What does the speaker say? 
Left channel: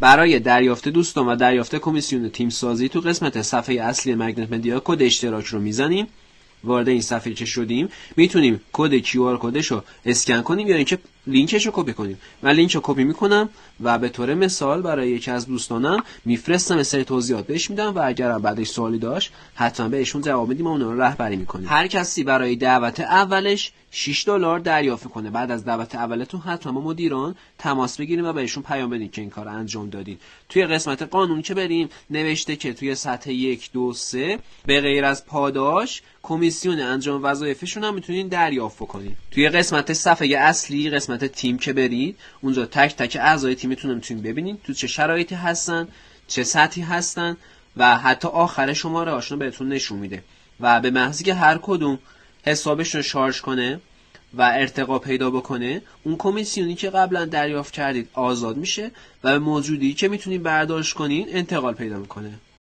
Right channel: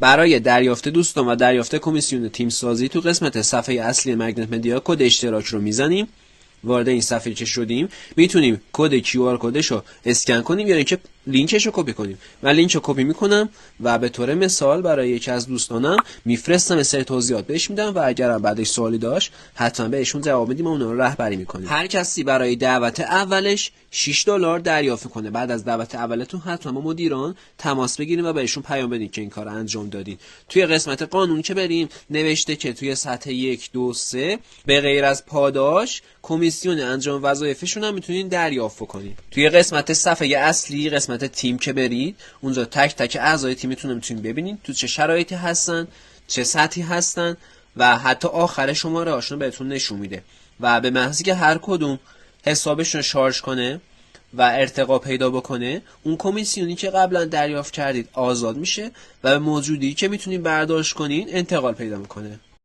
برای دریافت دوستان و دریافت کمیسیون تیم سازی تو قسمت صفحه اصلی مگنت مدیا کد اشتراک رو میزنیم. وارد این صفحه که شدیم میتونیم کد QR کدش رو اسکن کنیم یا اینکه لینکش رو کپی کنیم. من لینک رو کپی میکنم و به طور مثال برای یکی از دوستانم میفرستم، مثلا توضیحات بهش میدم و اگر بعدش سوالی داشت حتما بهشون جواب میدیم و اونا رو رهبری میکنیم. هر کسی برای دعوت اولش $6 دریافت کنه. بعد از دعوت اولتون حتما با مدیران تماس بگیریم و بهشون پیام بدین که این کار انجام دادین. توی قسمت قانون که بریم نوشته که توی سطح 1 2 3 به غیر از پاداش کمیسیون انجام وظایفشون هم میتونین دریافت کنین. توی قسمت صفحه اصلی قسمت تیم که برید اونجا تک تک اعضای تیمتون رو میتونین ببینین تو چه شرایطی هستن، چه سطحی هستن و حتی آخر شماره هاشون بهتون نشون میده و به محضی که هر کدوم حسابشون شارژ کنه و ارتقا پیدا بکنه اون کمیسیونی که قبلا دریافت کردید آزاد میشه و به موجودی که میتونین برداشت کنین انتقال پیدا میکنه.